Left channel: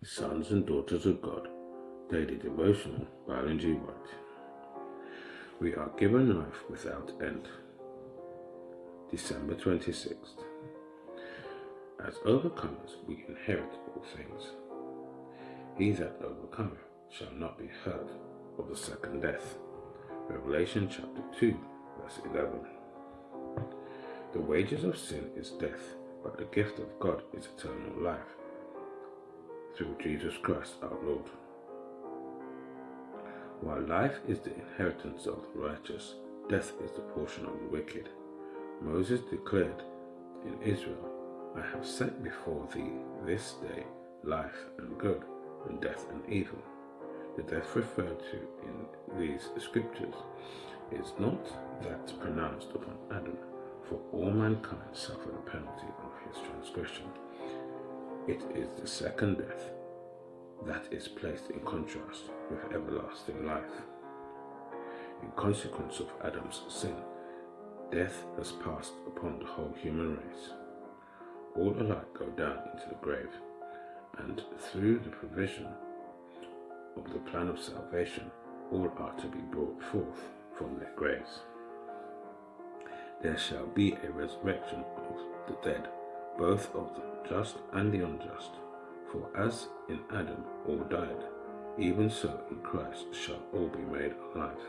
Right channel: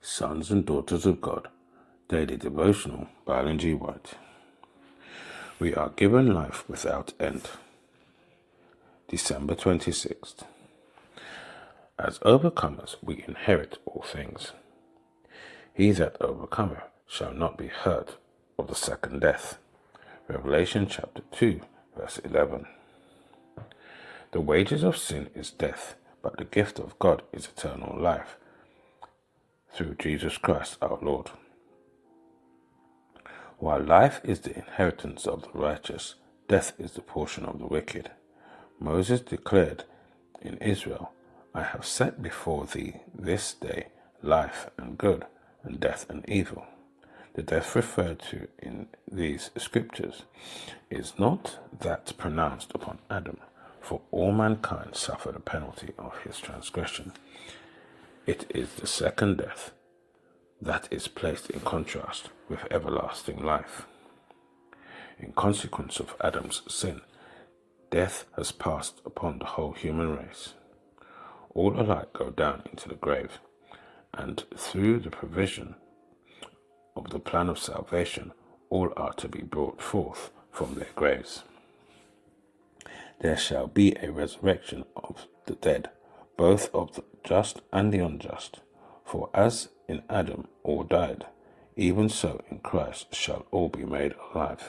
Sons and Daughters of God, Daily Devotional by Ellen G. White. We are given life without end. December 26th. As overcomers, we inherit all things. He that overcometh shall not be hurt of the second death. Revelation chapter 2, verse 11. The wages of sin is death, but the gift of God is eternal life through Jesus Christ our Lord. While life is the inheritance of the righteous, death is the portion of the wicked. Moses declared in Israel, I have set before thee this day life and good, and death and evil. The death referred to in these scriptures is not that pronounced upon Adam, for all mankind suffered the penalty of his transgression. It is the second death that is placed in contrast with everlasting life. In consequence of Adam's sin, death has passed upon the whole human race. All alike go down into the grave, and through the provision of the plan of salvation, all are to be brought forth from their graves. There shall be a resurrection of the dead, both of the just and the unjust. For as in Adam all died, even so in Christ shall all be made alive.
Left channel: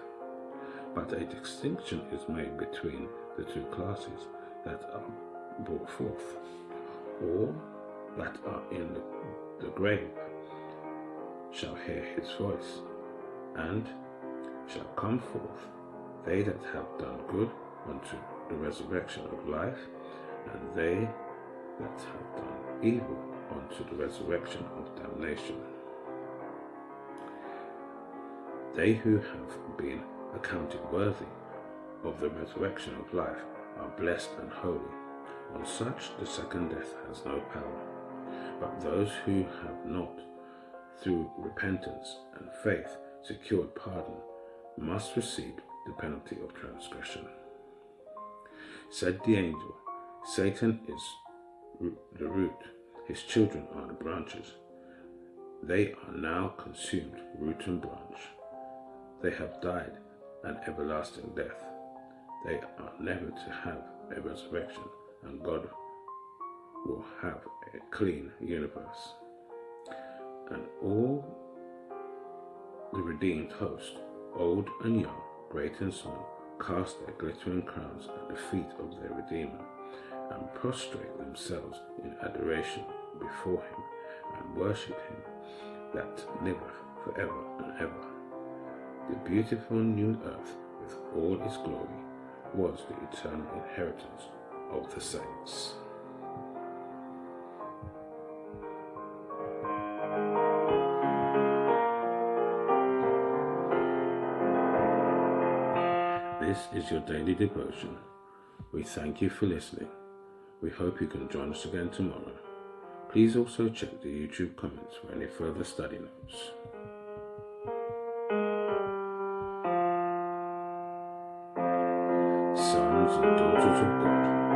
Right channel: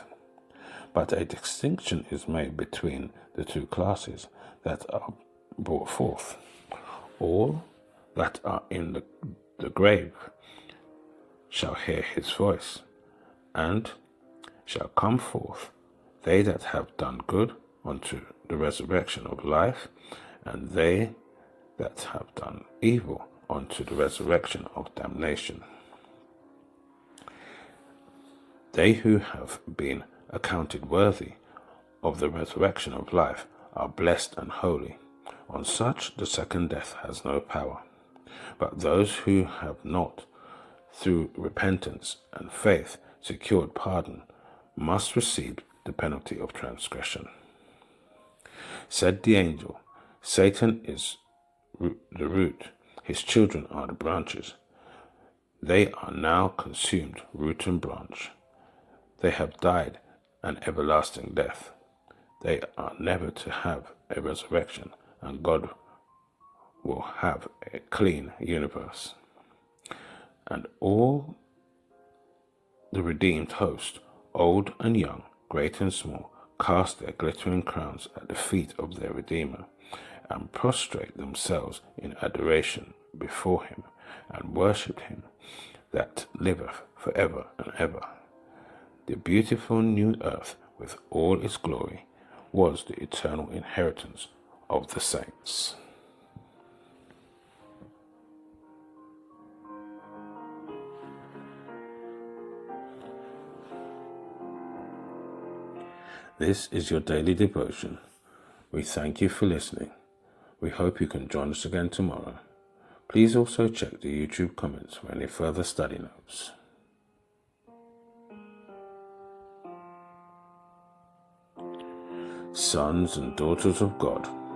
But a distinction is made between the two classes that are brought forth. All that are in the grave shall hear his voice, and shall come forth, they that have done good unto the resurrection of life, and they that have done evil unto the resurrection of damnation. They who have been accounted worthy of the resurrection of life are blessed and holy. On such the second death has no power. But those who have not, through repentance and faith, secured pardon, must receive the penalty of transgression. Said the angel, Satan is the root, his children are the branches. They are now consumed, root and branch. They have died an everlasting death. They are never to have a resurrection, and God will have a clean universe. And all the redeemed host, old and young, great and small, cast their glittering crowns at the feet of their Redeemer, and prostrate themselves in adoration before him, and worship him that liveth forever and ever. The beautiful new earth, with all its glory, was the eternal inheritance of the saints. This is your daily devotion. We thank you for listening. We hope you can join us again tomorrow. Please also check the YouTube comments for any further study notes. Sons and Daughters of God.